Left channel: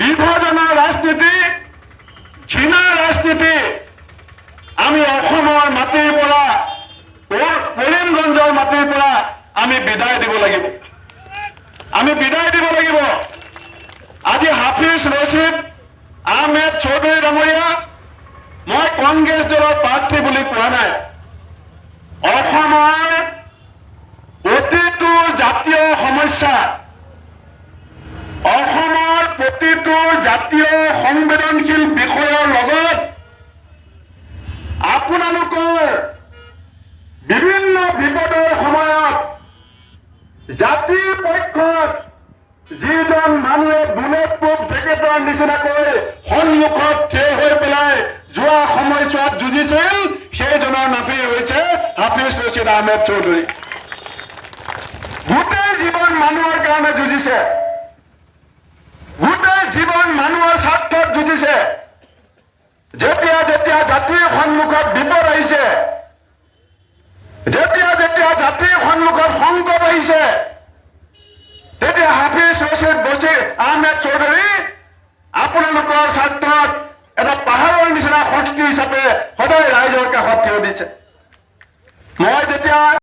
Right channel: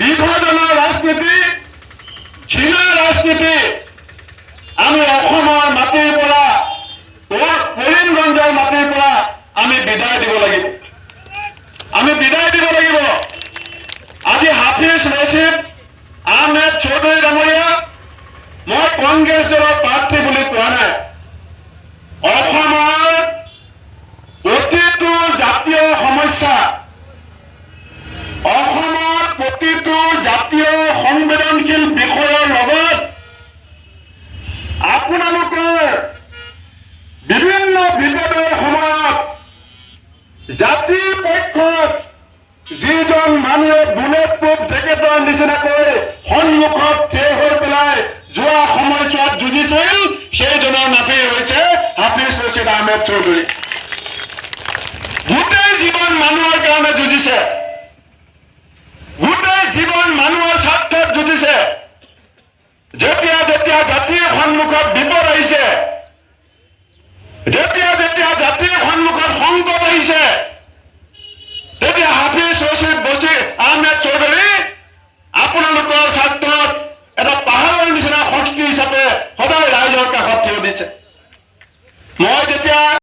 বিভাজনৰ ৰাজনীতি, ঘৃণাৰ ৰাজনীতি আমি অসমৰ মাটিৰ পৰা, কৰিমগঞ্জৰ মাটিৰ পৰা আমি বিদায় দিব লাগিব। আমি বিদায় দিব লাগিব। আজি হাফিজ ৰছিদ আহমেদ চৌধুৰী ডাঙৰীয়া, মই কংগ্ৰেছ দলৰ প্ৰাৰ্থী বুলি কোৱা নাই। অসমৰ প্ৰতিটো জাতীয় সমস্যা, অসমৰ প্ৰতিটো জাতীয় সংবেদনশীল বিষয়ৰ লগত আপোনালোকৰ বিভিন্ন বিপদৰ সময়ত জাতিৰ পক্ষত যিজন মানুহে বুলেট প্ৰুফ জেকেটৰ নিচিনাকৈ সন্মুখত থিয় হৈ পেলাই যোৱা সময়ছোৱাত যুঁজিছিল, সেইজনৰ নামেই হৈছে হাফিজ ৰছিদ আহমেদ চৌধুৰী। গোটেই জীৱন মানুহৰ কাৰণে যুঁজিছে, গোটেই জীৱন মানুহৰ স্বাৰ্থত যুঁজিছে। যেতিয়া যেতিয়া জাতিৰ সন্মুখত বিপদ আহিছে, যেতিয়া যেতিয়া জাতিৰ সন্মুখত সংকট আহিছে, তেতিয়া হাফিজ ৰছিদ আহমেদ চৌধুৰী আপোনালোকৰ স্বাৰ্থত এটা পাহাৰৰ নিচিনা শক্তি হিচাপে সদায় ৰাইজৰ কাষত থিয় দিছে। মই যেতিয়া